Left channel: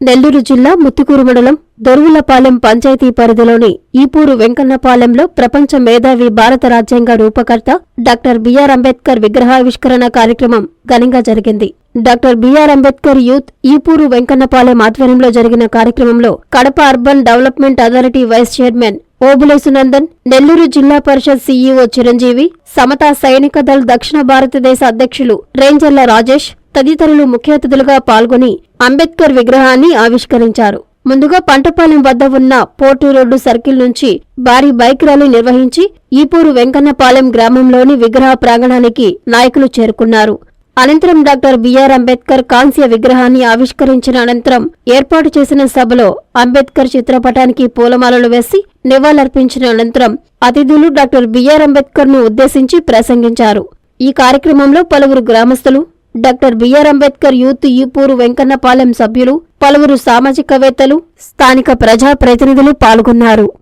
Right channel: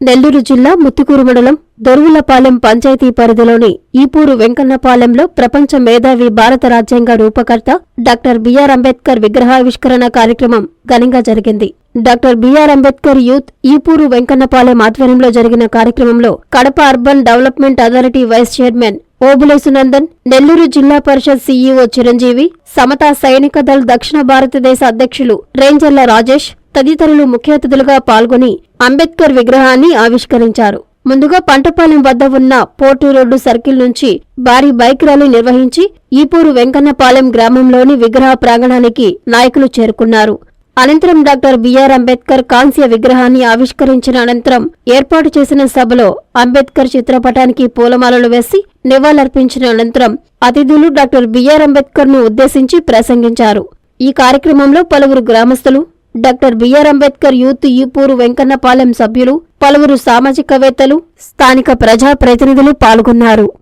నెల్లూరు జిల్లా ముత్తుకూరు మండలం దొరువులపాలెం పంచాయతీ పరిధిలోని ఈపూరు వెంకన్నపాలెంలో ప్రపంచ మేధావి భారత రాజ్యాంగ రూపకర్త డాక్టర్ బిఆర్ అంబేద్కర్ విగ్రహావిష్కరణ కార్యక్రమం ఘనంగా జరిగింది. Doctor B R Ambedkar youth Eepuru Venkannapalem ఆధ్వర్యంలో జరిగిన కార్యక్రమంలో Kadapa urban development authority vice chairman Obulesunandan Nellore జిల్లా పరిషత్ సీఈఓ చిరంజీవి సమతా సైనిక దళ్ దక్షిణ భారతదేశ అధ్యక్షులు రేంజర్ల రాజేష్ తదితరులు ముఖ్య అతిథులుగా పాల్గొని అంబేద్కర్ విగ్రహాన్ని ఆవిష్కరించారు. ముందుగా పంటపాలెం వద్ద ఉన్న పోర్టు రోడ్డు సర్కిల్ నుంచి భారీ బైక్ ర్యాలీ నిర్వహించి ఈపూరు వెంకన్నపాలెం గ్రామంలోని విగ్రహ ప్రాంగణానికి నాయకులు చేరుకున్నారు. అనంతరం డాక్టర్ బిఆర్ అంబేద్కర్ కాంస్య విగ్రహాన్ని ఆవిష్కరించిన అనంతరం ఏర్పాటు చేసిన సభలో అంబేద్కర్ చిత్రపటానికి పూలమాలలు వేసి నివాళులర్పించిన అనంతరం అతిథులు డాక్టర్ బిఆర్ అంబేద్కర్ను ఉద్దేశించి ప్రసంగించారు. ఈ కార్యక్రమంలో పలువురు గ్రామస్తులు doctor B R Ambedkar youth Eepuru Venkannapalem సభ్యులు పలువురు సామాజికవేత్తలు స్థానిక ప్రజా ప్రతినిధులు పాల్గొన్నారు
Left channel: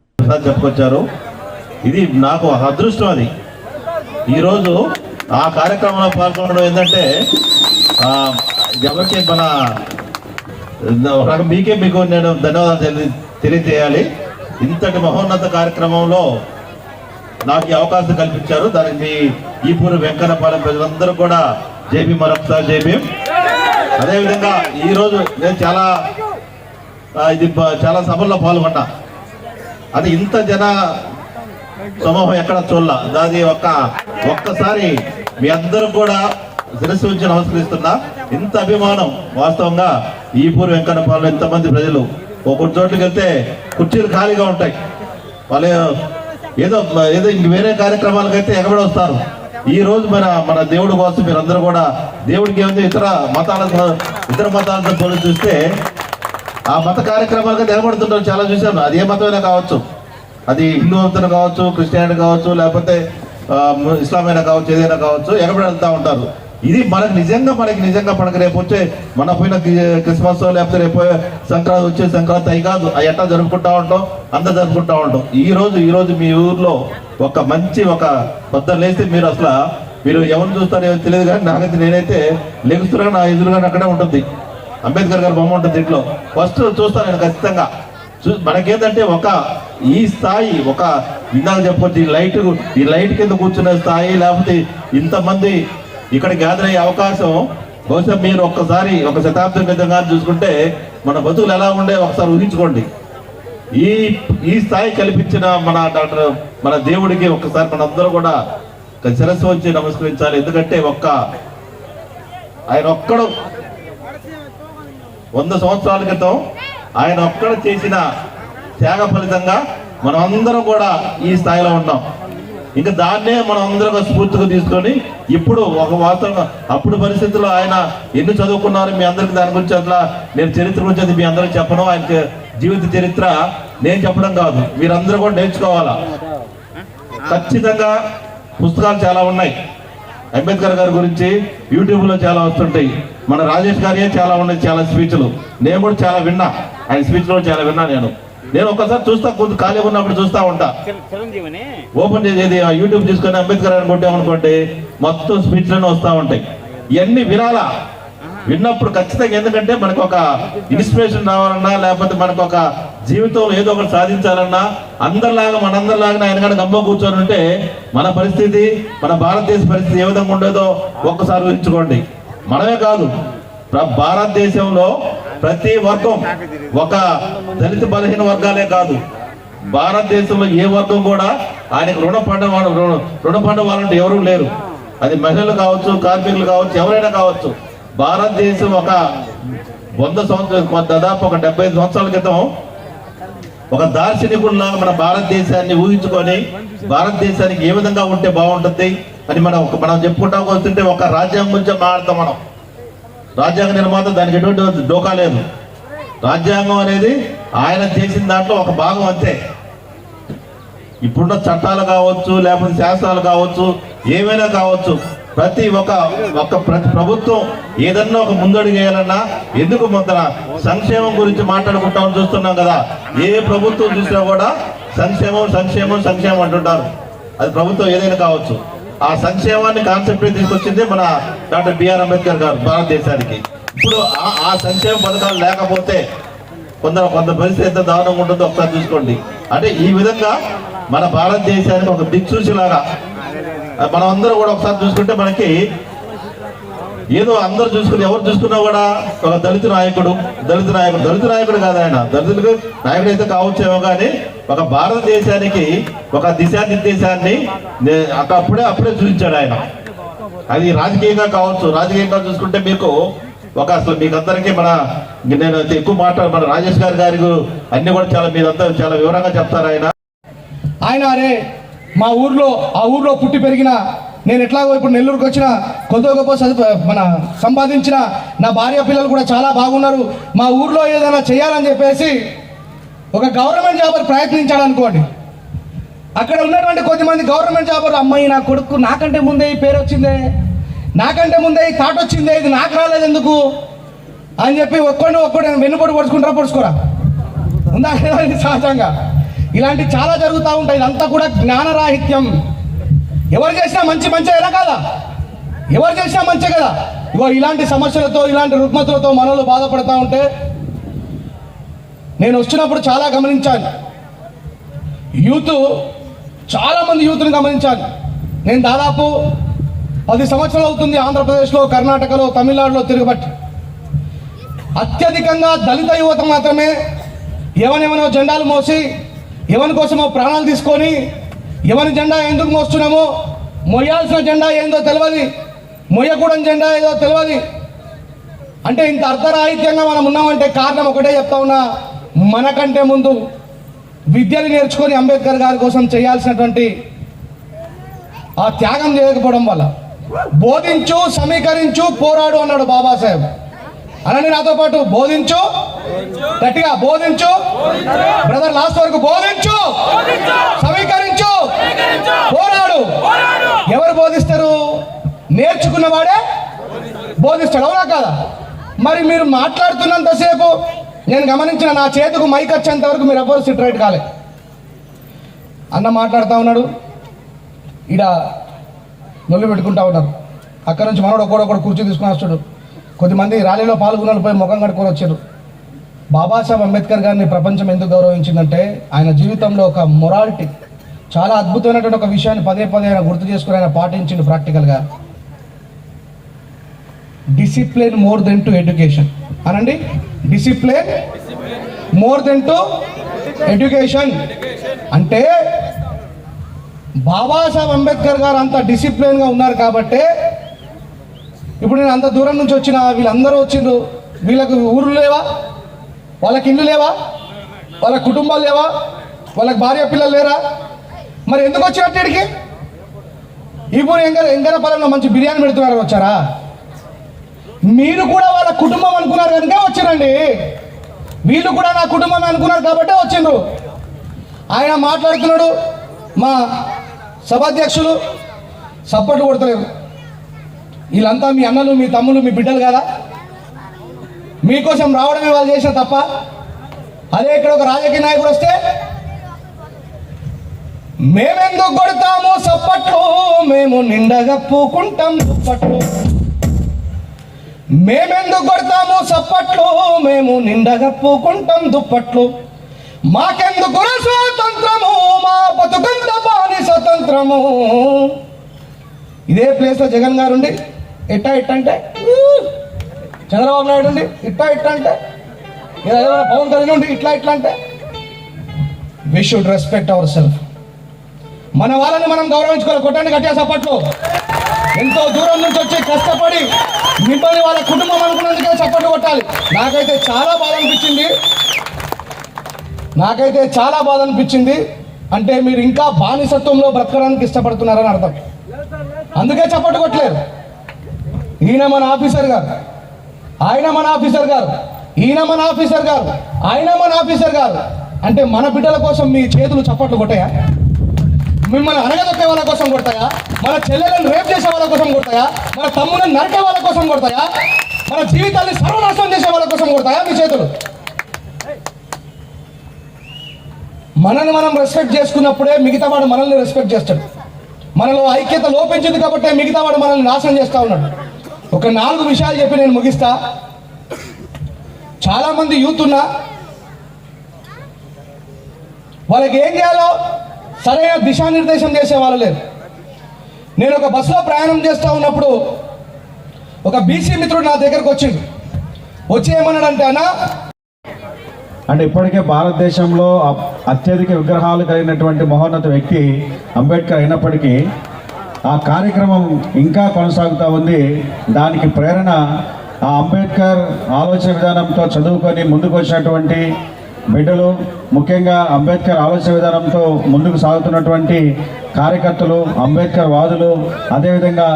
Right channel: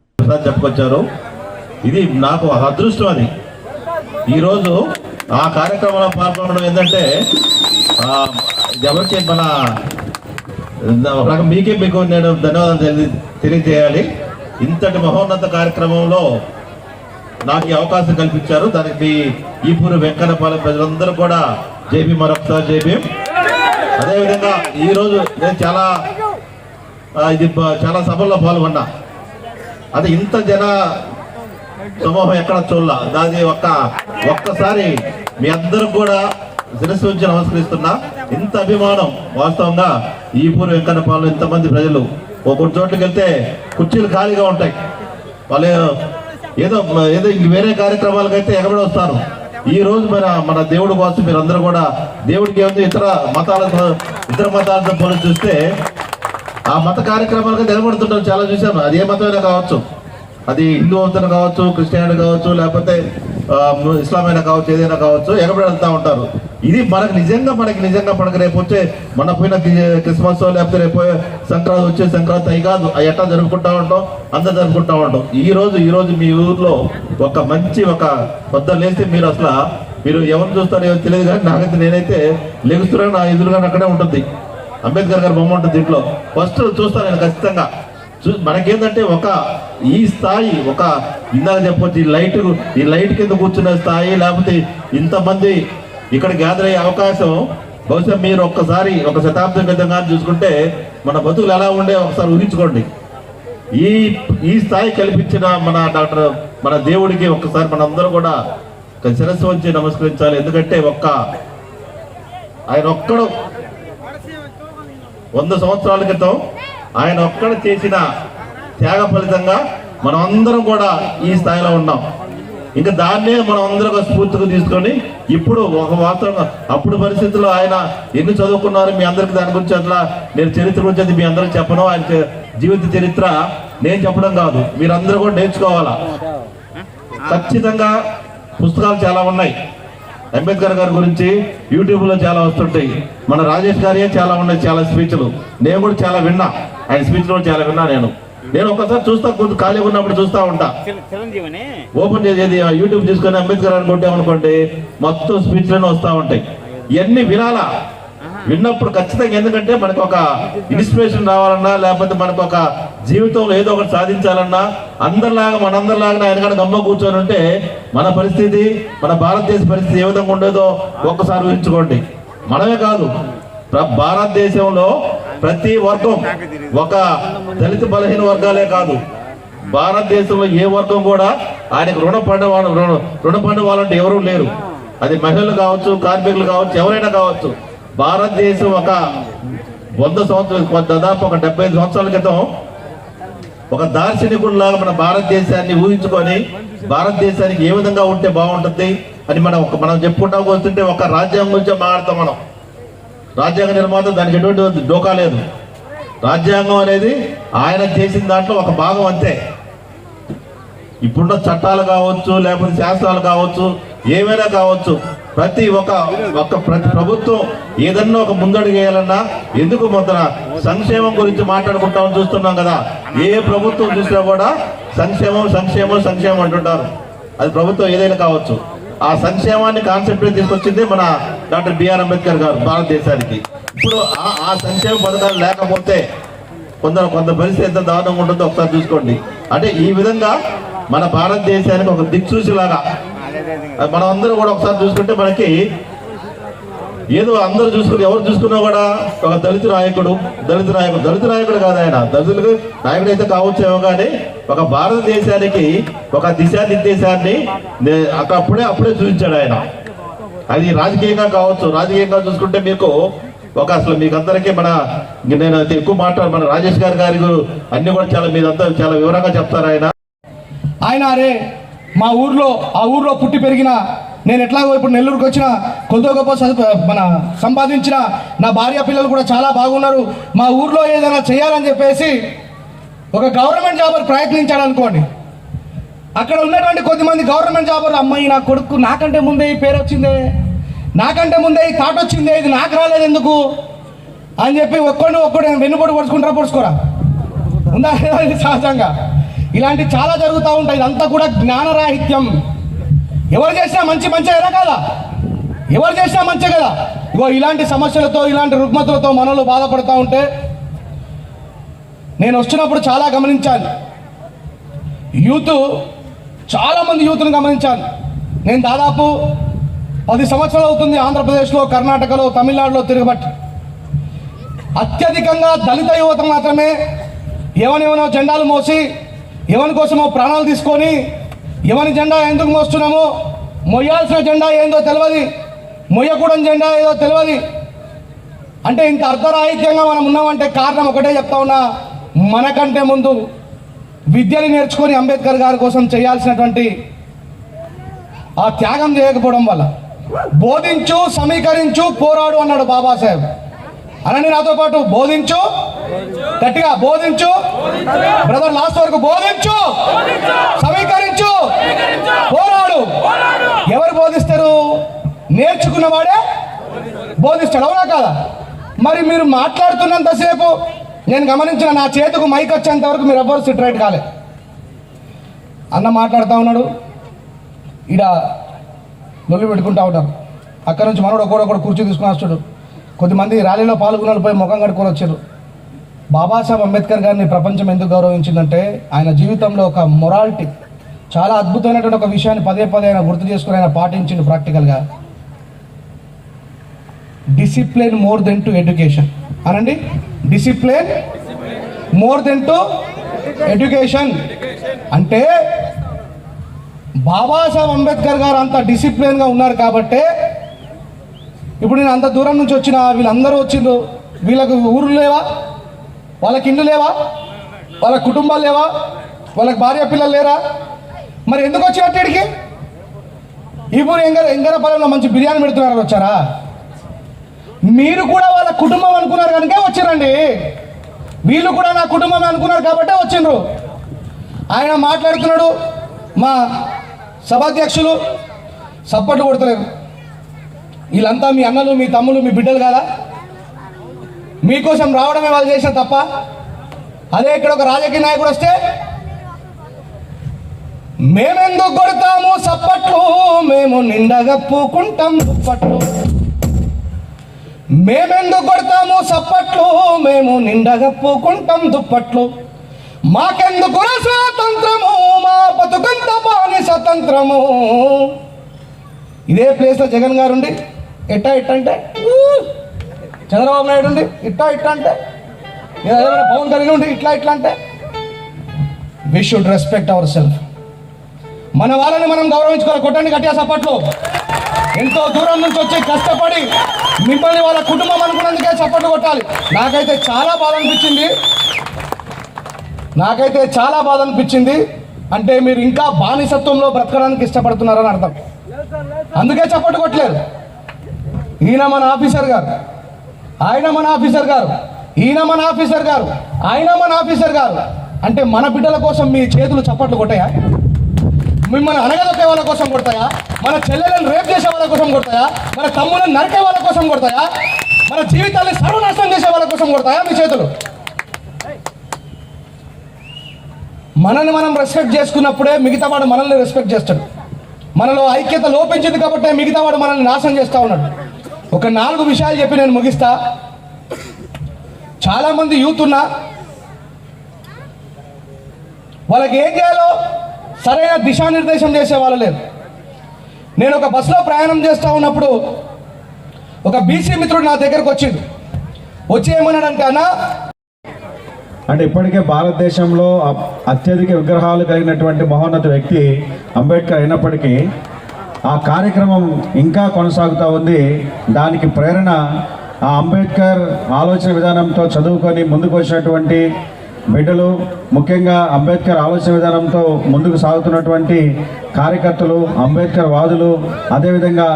చెప్పుకొచ్చారు? ఇది నాకు అదృష్టం అది. ఈరోజు ఆ కార్యక్రమంలో పాల్గొనడం ఏంటంటే ఎవరికి మన మీకే మీకు నేను ధన్యవాదాలు తెలి- తెలియజేయాలి. ఇంతటి మహోన్నత కార్యక్రమంలో నాకు ఈ అవకాశం కల్పించారు. దానికి ఈపూరు వెంకన్నపాలెం ప్రజలందరూ కూడా జేబీ మరొకసారి జేబీ. అదేవిధంగా ఈరోజు నేను చాలా ఇది చాలా సభల్లో పాల్గొన్నా. అది ఇంత జన సమూహం ఎక్కడ చూడాల. దాని ఒక్క ఒక్కసారి మీ అందరూ కూడా శిరస్సు ఉంచి నమస్కరిస్తున్నా. ఇంత అభిమానం వాస్తవంగా ఈ పూర్వ వెంకన్నపాలెం ఎంతమంది ప్రజలు. ఒక్కొక్క చోట్లకి వెళ్తే కుర్చీలు ఖాళీగా ఉంటాయి. వాళ్ళు ఏదో ఏదో ఇంక వేరే కార్యక్రమాలకైతే ఎగబడి వస్తారు. ఈ రోజు మన మన దేవుడి కోసం మీరందరూ కూడా దేవుడికి ఏముంది ఇతర మతాలతో ఇతర మతాలతో పోలి చూస్తే ఆ మత కార్యక్రమాలకు నిలబడుతుంటారు. చాలా చూశాను. అది ఏ మతమైనా కావచ్చు. అది హిందూ మతం కావచ్చు క్రిస్టియానిటీ కావచ్చు లేకపోతే ఇస్లామైనా కావచ్చు ఏదైనా కావచ్చు ఎక్కడ వెళ్తూ ఉంటారు. ఇది మనకు నిజంగా మనకి నిజంగా మనకి రేపు వచ్చే మన పోయిన క్రిస్మస్ లేకపోతే రేపు సంక్రాంతి వచ్చే సంక్రాంతి అయి కాదు. అవి ఎట్లా జరుపుకుంటా ఉంటాం? అంత జరుపుకుంటా ఉంటాం. ఈ రోజు ఈ రోజు మీ ఊర్లో ఒక మంచి ఒక పొద్దున లేస్తే మీరు అసలు మీరు ఎవరు చూస్తారో ఏమో తెలియదు కానీ నాకైతే నేనైతే లెగుస్తున్నాను నా ఎదురుగా అక్కడే ఉంటుంది. అంబేద్కర్ గారి బొమ్మ ఉంటుంది దీంట్లో ఫస్ట్ చూస్తాను నేను ఖచ్చితంగా. చూ మనకేంటంటే ఒక ఈ స్థాయి ఒక ఇందాక చెప్పొచ్చు ఈ లైట్ ఈ లైట్ కింద కూర్చున్న స్థాయి లేకపోతే ఇంతమంది ఇక్కడ గ్యాదర్ అయ్యే అవకాశం బహుశా మీరు ఒక్కసారి ఒక శతాబ్దం క్రితం కానీ చూసుకుంటే మన బతుకులు ఎలా ఉండే ఒకసారి ఊహించుకోండి. ఈ ఈ స్థాయి కల్పించిన మన డాక్టర్ మన దేవుడికి ఒక్కసారి మనందరూ కూడా శిరస్సు వచ్చి నమస్కరించాలి. ఎందుకంటే ఒక్క ఆయన ఒక్కడు వంద సంవత్సరాల క్రితం ఆయన ఒక్కడ చేసిన త్యాగ ఫలితంగా మనం అందరం కూడా ఈ స్థాయిలో ఉన్నాం. ఇంకా దాన్నే మనం అందరం స్ఫూర్తిగా తీసుకొని ఇప్పుడు ఒక వాతావరణం అప్పుడు పరిస్థితుల్లో ఆయన ఎన్ని చదువుకున్నారో మీ అందరికి దాని గురించి అట్లా నేను చరిత్ర గురించి అది మీ అందరికి చెప్పను. ఆయన జీవిత చరిత్ర నేను చెప్పడం కాదు. మీరందరూ కూడా నేర్చుకోవాలా? ఖచ్చితంగా పుస్తకాలు చాలా ఉన్నాయి. అంబేద్కర్ గారి గురించి యూట్యూబ్లో చాలా వస్తుంటాయి. మన రాజేష్ గారియే చాలా ఉన్నాయి చాలా స్పీచ్లు. నేను కూడా చాలా విన్నా. ఆయన స్పీచ్లో కూడా చాలా విన్నా నేను. నేను ఒకసారి చూస్తా కొంచెం ఖాళీగా ఉన్నప్పుడు చూస్తా ఉంటా. ఓపెన్ చేసేది యూట్యూబ్ తీసుకొని అంబేద్కర్ అని కొట్టామనుకోండి మొత్తం స్పీచ్లోనే వస్తూ ఉంటాయి. ఇవన్నీ వినాలా విన్నప్పుడు ఖచ్చితంగా ఎందుకంటే మనకు ఒక ఇన్స్పిరేషన్ రావాలన్నా లేకపోతే మనకు ఒక జీవితంలో ఏదో ఒకటి సాధించాలన్నా అందరిలాగా మనందరిలాగా ఆయన కానీ గమ్మ కూర్చొని ఉంటే మన పరిస్థితి మన భారతదేశ పరిస్థితి ఏ విధంగా ఉండేదో ఒక్కసారి ఊహించుకోండి. మనమే కాదు భారతదేశంలో ప్రతి వర్గం ఒక దళిత బలహీన వర్గాలే కాదు. భారతదేశంలో ఏ వర్గం కూడా ఆయనకు రుణపడ్డ వాడు- రుణ- రుణపడ్డ వాళ్ళంటే ఎవరూ లేరు. అది మహిళలు కావచ్చు కార్మికులు కావచ్చు ఎవరైనా కావచ్చు. భారతదేశం ఒక వంద సంవత్సరాలు దాదాపు ఒక డెబ్బై సంవత్సరాల క్రితం ఒక దార్శనికుల్లాగా మన భారతదేశాన్ని ఊహించుకొని భారతదేశానికి ఏ విధంగా ఉంటే బాగుంటుంది అని మనం మనం చెప్పుకుంటా వస్తుంటే ఒక రాజ్యాంగం గురించే మాట్లాడతాం మనం. రాజ్యాంగ నిర్మాత దానికి ఎటువంటి డోకా లేదు. రాజ్యాంగం అనేది ఆయన చేసిన దాంట్లో ఒక భాగం అంతే. ఇప్పుడున్న చట్టాలు కావచ్చు లేకపోతే శాస్త్రాలు కావచ్చు ఏమైనా కావచ్చు ప్రతి ఒక్క ఒక ప్రతి ప్రభుత్వం ఏదన్నా ఒక ముందడుగేయాలన్నా ఎందుకు మొదల సంక్షేమం గురించి మాట్లాడుకుంటాం చూస్తున్నాం కదా. ఏ ప్రభుత్వం చూసినా కూడా సంక్షేమం సంక్షేమం సంక్షేమం అంటుంటారు. అది ప్రభుత్వం ఏదైనా కావచ్చు. ఆ సంక్షేమాన్ని కాన్సెప్ట్ తీసుకొచ్చింది మన డాక్టర్ బిఆర్ అంబేద్కర్ గారు భారతదేశానికి. ఇప్పుడు ఆ- సంక్షేమ పథకాలు లేకపోతే కొందరు కొంత పరిస్థితి ఎంత దారుణంగా ఉంటుందో ఒకసారి చూసుకోండి. అంటే ఈ విధంగా మన భారతదేశానికి ఒక దిక్సూచిలాగా మనం అందరం కూడా ఒకసారి చూసుకుంటే మనకి ఏదో అందరు చూసుకుని ఎవరు చూసుకున్నా కూడా ఒక దళిత నాయకుడు దళిత నాయకుడు దళిత నాయకుడు కాదు ఆయన. దళితులకు నాయకుడు అయితే కావచ్చేమో కానీ ఒక భారతదేశానికి ఒక దిశానిర్దేశాన్ని అప్పుడే అప్పుడే చూపించాడు ఆయన. అది రాజకీయంగా కావచ్చు రాజకీయంగా చూసుకుంటే మీకు ఒక అసలు మీకు అందరికీ మన నేను అయితే ఎక్కువ మాట్లాడు మన రాజేష్ గారి గారి అన్ని కూడా చాలా మీరంతా చాలా వివరంగా చెప్తారు ఆయన. ఆయన అరే మా ఊర్లో ఆ ఊర్లో పుట్టి పెరిగిన నేను ఎట్లాగో ఇప్పుడు నెల్లూరుకు వచ్చిన కొద్ది గొప్ప చదువు మన సంపాదించిన నా భార్య పిల్లలు కూడా చాలా బాగున్నారు. మా ఊర్లో ఏదైనా చేయాలని చెప్పేసి ఒక గవర్నమెంట్ జాబర్ ప్రయత్నించాడు అనుకోండి. అక్కడ ఉన్నటువంటి కొద్దిమంది గవర్నమెంట్ జాబర్లు అమ్మాయి నా కొడుకు నాకంటే ముందే ఈ పేరు వచ్చిందే. నాకంటే ముందే ఈ థాట్ వచ్చిందే ఇది నాకు రాలేదు ఎందుకు? అని చెప్పి ఒక్కడిని ఒక్కడు వెన్నుపడి పొడుచుకుంటారా పొడుచుకోరా? ఉందా ఇది సహజంగా? ఇలాంటి చాలా జరుగుతూ ఉంటాయి ఇదంతా కూడా జ్ఞానరాహిత్యం. ఎవరు చేసినా మంచి మంచి కదా కాదా? ఎవరు చేసినా మంచి కదా? ఇగో ఇలాంటి సమస్యలతో ఇలాంటి రుగ్మతులతో మనలో బాధపడతా ఉంటే నేను వచ్చినప్పుడు చాలా గమనించాను. యూత్ చాలా మంది యూత్ని గమనించాను. నేను దాదాపు పది సంవత్సరాలు అవుతుంది ఆంధ్రప్రదేశ్లో కర్ణాటకలో తమిళనాడులో తిరగబట్టి. అత్యధికంగా దళిత యువత మాత్రమే ఎవనెవనో జెండాలు మోసి ఎవరి కోసమో ప్రాణాలు తీసుకొని ఎవరి జెండా ఎందుకు మోస్తున్నామో? మొయ్యాల్సిన జెండా ఏందో తెలియదు మొయ్యకూడని జెండా ఏదో తెలియదు అంటే ఇంత అర్ధరాహిత్యంగా మనం ఉన్నామంటే కారణం ఒకటే చెప్తా ఉన్నా మనకంటే ముందు విద్యను నేర్చుకొని అంబేద్కర్ గారి కోసం చేయాల్సినటువంటి ఆ త్యాగం చేయకపోవడం వల్ల బోధించు సమీకరించు పోరాడు అన్నాడు బాబాసాహెబ్. అనండి నాతో పాటు బోధించు గట్టిగా బోధించు. బ్రదర్ లాస్ట్ వరకు బోధించు. సమీకరించు పోరాడు. ఎవరు బోధిస్తారు? నేర్చుకున్నవాడే బోధిస్తాడు. అవునా కాదా? మరి మీరు మాట్లాడుతున్నంతసేపు నేను గమనించిన నా చేతికి మైక్ వచ్చేంత వరకు మీరు ఎవ్వరు సిట్ రైట్ కాలే. అన్న మాట్లాడుతూ ఉన్నాడు. ఇడ నొల్లు పెట్టుకుంటా ఉంటారు. అక్కడ నుంచి మనోడు ఒకడొకడు కూర్చో తీసుకుని వస్తాడు. కొద్దిమంది ర్యాలీలో పాల్గొనాలి పోయి ముఖం కడుక్కొని వచ్చారు. బాబాసాహెబ్ అంబేద్కర్ గారిని ప్రపంచం ఎందుకు గౌరవించిందంటే ఆయన జీవితంలో ఒక మొరాలిటీ. చాలా అద్భుతమైనటువంటి ఒక విషయాన్ని పదే పదే ఆయన గుర్తు చేసుకుని ఆయన పాటించిండు ప్రాక్టికల్గా discipline more than to education అనండి? Discipline more than to education అంటే బాబాసాహెబ్ అంబేద్కర్ గారు అంత డిసిప్లిన్గా ఉన్నారు కాబట్టే ఇప్పుడు నేను అంత దూరం నుంచి వచ్చిన వీళ్ళందరూ వచ్చిండ్రు వీళ్ళకు ఊర్లు లేవా? వాళ్ళకి ఇల్లు లేవా? వాళ్ళ కుటుంబాలు లేవా? వాళ్ళకి భార్య పిల్లలు లేరా? మరి ఎందుకు వచ్చారు ఇక్కడికి ఇప్పుడు ఎంగర ఎంగరపాలెంలో మంచి బిర్యానీ పెడుతున్నారు వచ్చారా? మీరు కూడా వాళ్ళ కుటుంబం అనుకున్నారు కనుక వచ్చిరండి. వీళ్ళు కూడా నా కుటుంబం అనుకున్నారు కాబట్టి వచ్చిండ్రు. ఆయన మాట్లాడుతున్నాడు మా సభాధ్యక్షులు సపోర్ట్ కొడతలేరు. వీళ్ళంతా మీ అన్నలు మీ తమ్ములు మీ బిడ్డలు కదా. మీకోసం రావడమే వాళ్ళు చేసిన తప్ప అదే ఇక్కడ ఒక రాజకీయ నాయకుడు వస్తే మేమెందుకు కొడతాము సప్పట్లు? మేము నిండగా పూకుంటాం దుప్పట్లు. మేమెందుకు కొడతాము సప్పట్లు? మేము నిండగా పూకుంటాం దుప్పట్లు. మాకెందుకు స్వాతంత్రము? మా బతుకంత బాని స్వతంత్రము. ఇదే ప్లేస్లో జగన్ గారు ఉండి ఎట్టా ఇట్ట అంటే చంద్రబాబు నాయుడు ఉండి ఇట్టా ఇట్ట అంటే పవన్ కళ్యాణ్ ఉండి ఇట్లా ఇట్లా అంటే? We should respect our self మన వాళ్ళని మనం గౌరవించుకోవాలి. కొట్టండి గట్టిగా సప్పట్లు ఎంతో దూరం నుంచి వచ్చి కష్టపడి మిమ్మల్ని వాళ్ళ కుటుంబం అనుకున్నందుకే చప్పట్లు కొట్టాలి. నాకైతే చాలా బాధ అనిపించింది. నాకైతే చాలా బాధ అనిపించింది. అంటే మీరు ఇంకా బానిసత్వంలో బ్రతకడానికి ఇష్టపడుతున్నారని అర్థం. అందుకే చప్పట్లు కొట్టలేదు. ఈయన మన ఆఫీసర్ గారు. ఆయన మన ఆఫీసర్ గారు. ఈయన మన ఆఫీసర్ గారు. ఆయన మన ఆఫీసర్ గారు. అంటే మన బిడ్డల కోసం మీ చేతులు చప్పట్లు కొట్టాయా? మిమ్మల్ని అనగదొక్కే వాళ్ళ కోసం కొడతాయా? మన చెల్లెలను రేప్ చేసే వాళ్ళ కోసం కొడతాయా? మన తమ్ములను నరికే వాళ్ళ కోసం కొడతాయా? మన జీవితాన్ని సర్వనాశనం చేసే వాళ్ళ కోసం కొడతాయా మీ చేతులు? మనల్ని మనం రెస్పెక్ట్ చేసుకున్నప్పుడే మిగతా వాడు మనల్ని రెస్పెక్ట్ చేస్తాడు. మనలో ఐక్యత లోపించింది కాబట్టి మిగతా వాడు మనల్ని నాశనం చేస్తా ఉన్నాడు. ఒక నాలుగు విషయాలు చెప్పి నేను ముగిస్తా. చాలా మంది యూత్ ఉన్నా వాళ్ళకి ఏం చేయాలో సరైన దిశానిర్దేశం చేసే వాళ్ళు లేరు. నేను ఒక బస్సులో ప్రయాణం చేస్తూ ఉన్నప్పుడు ఒక బీసీ మిత్రుడు నా దగ్గరకు వచ్చిండు. వచ్చి ఏమన్నాడంటే అన్న అంటే ఇప్పటికే భారతదేశంలో అత్యధిక విగ్రహాలు కలిగినటువంటి మహోన్నత వ్యక్తి అంబేద్కర్ అయినప్పటికీ ఆ కార్యక్రమం ఇంకా కొనసాగుతూ ఉంది. దానికి ప్రేరణ ఆ అంబేద్కర్ ఆలోచన విధానంతో చదువుకొని ముందుకు వచ్చినటువంటి బిడ్డలు ముఖ్యంగా అంబేద్కర్ ఆలోచన విధానంతో ముందుకు సాగుతున్నటువంటి కార్యకర్తలు అంబేద్కర్ వాదులు అదేవిధంగా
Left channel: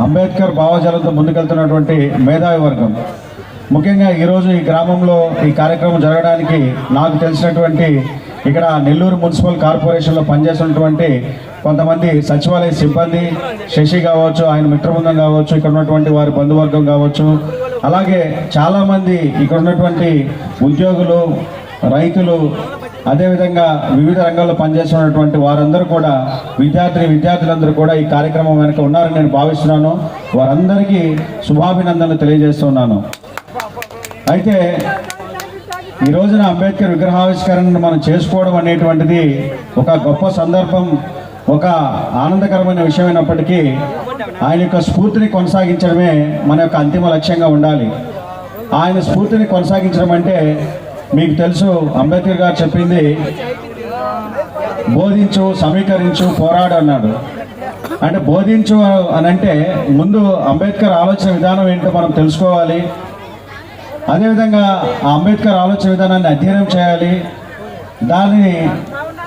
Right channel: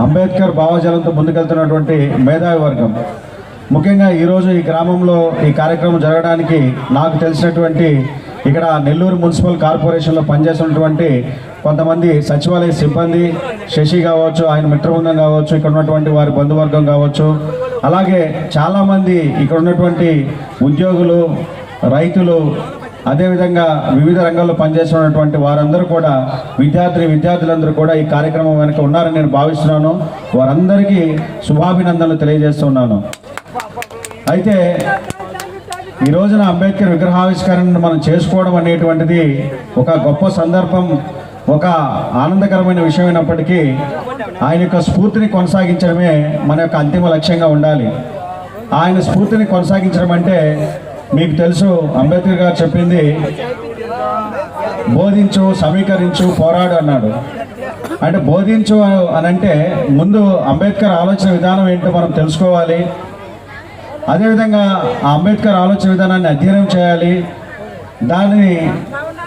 అంబేద్కర్ భావజాలంతో ముందుకెళ్తున్నటువంటి మేధావి వర్గం. ముఖ్యంగా ఈరోజు ఈ గ్రామంలో ఈ కార్యక్రమం జరగడానికి నాకు తెలిసినటువంటి ఇక్కడ నెల్లూరు మున్సిపల్ కార్పొరేషన్లో పనిచేస్తున్నటువంటి కొంతమంది సచివాలయ సిబ్బంది శశి కావచ్చు ఆయన మిత్రబృందం కావచ్చు ఇక్కడ ఉన్నటువంటి వారి బంధువర్గం కావచ్చు అలాగే చాలామంది ఇక్కడ ఉన్నటువంటి ఉద్యోగులు రైతులు అదేవిధంగా వివిధ రంగాల్లో పనిచేస్తున్నటువంటి వారందరూ కూడా విద్యార్థి విద్యార్థులందరూ కూడా ఈ కార్యక్రమం వెనుక ఉన్నారని నేను భావిస్తున్నాను. వారందరికీ శుభాభినందనలు తెలియజేస్తున్నాను అయితే ఈ రోజున అంబేద్కర్ విగ్రహావిష్కరణను మనం చేసుకోవడం అనేటువంటిది ఒక గొప్ప సందర్భం ఒక ఆనందకరమైన విషయం అయినప్పటికీ ఆయన యొక్క స్ఫూర్తిని కొనసాగించడమే మన యొక్క అంతిమ లక్ష్యంగా ఉండాలి. ఆయన స్ఫూర్తిని కొనసాగించడం అంటే మీకు తెలుసు అంబేద్కర్ గారు చెప్పింది బోధించు సమీకరించు పోరాడు అన్నాడు. అంటే బోధించు అని అంటే ముందు అంబేద్కర్ ఆలోచన విధానం ఏంటో మనం తెలుసుకోవాలి. అదేవిధంగా ఆ అంబేద్కర్ ఆలోచన విధానాన్ని అధ్యయనం చేయాలి. దానిని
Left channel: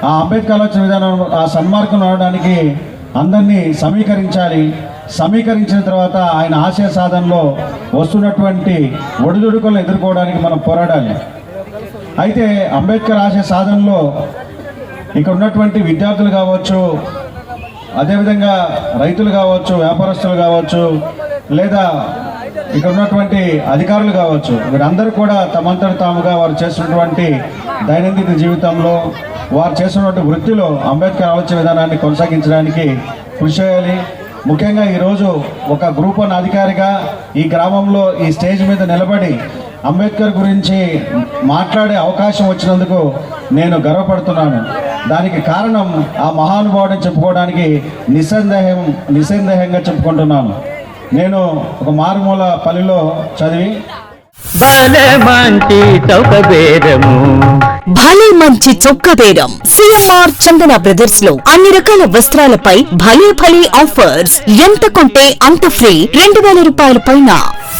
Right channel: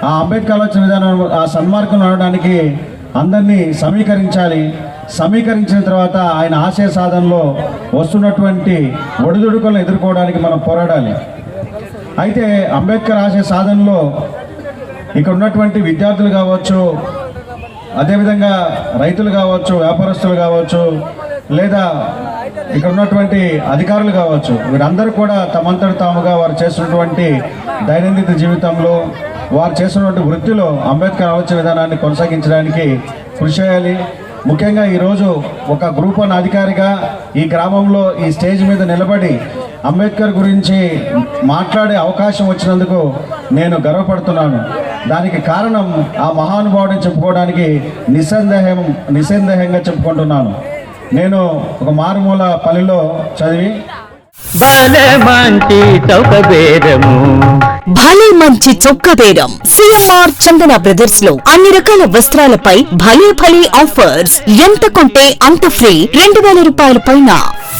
ఆ అంబేద్కర్ ఆలోచన విధానం ఆ సన్మార్గం నడవడానికి అందరినీ సమీకరించాలి. సమీకరించిన తర్వాత ఆయన ఆశయ సాధనలో వస్తున్నటువంటి ఒడిదుడుకులను ఎదుర్కోవడానికి మనం పోరాడాలి. అయితే అంబేద్కర్ ఆశయ సాధనలో ఇక్కడ ఉన్నటువంటి విద్యార్థులు కావచ్చు అదేవిధంగా రైతులు కావచ్చు వ్యాపారస్తులు కావచ్చు లేదా ఇక్కడ ఉన్నటువంటి అధికారులు కావచ్చు వీరందరూ కూడా తమంతట తాముగా వారు చేస్తున్నటువంటి దైనందిన జీవితంలో వారు చేస్తున్నటువంటి వృత్తిలో అంబేద్కర్ ఆలోచన విధానాన్ని కొనసాగించడానికి కృషి చేయాలి. ముఖ్యంగా ఈరోజు ఒక గ్రూప్ వన్ అధికారిగా ఈ గ్రామంలో ఈ స్టేజ్ మీద నిలబడి అంబేద్కర్ గురించి మాట్లాడే అవకాశం వచ్చినందుకు నేను గర్వపడుతున్నాను. దానికి కారణం ఆ మహానుభావుడిని చెప్పుకోవడానికి నిస్సందేహం నిస్సందేహంగా చెప్పుకుంటున్నాను. నేను ఒక మారుమూల పల్లెలో చదివి భలే మంచి చొక్క బేరం సిఎంఆర్ చందన బ్రదర్స్లో అన్ని రకాల వస్త్రాలపై భలే భలే ఆఫర్స్. ఎంత కొంటే అంత ఫ్రీ. రెండు వేల రూపాయల పైన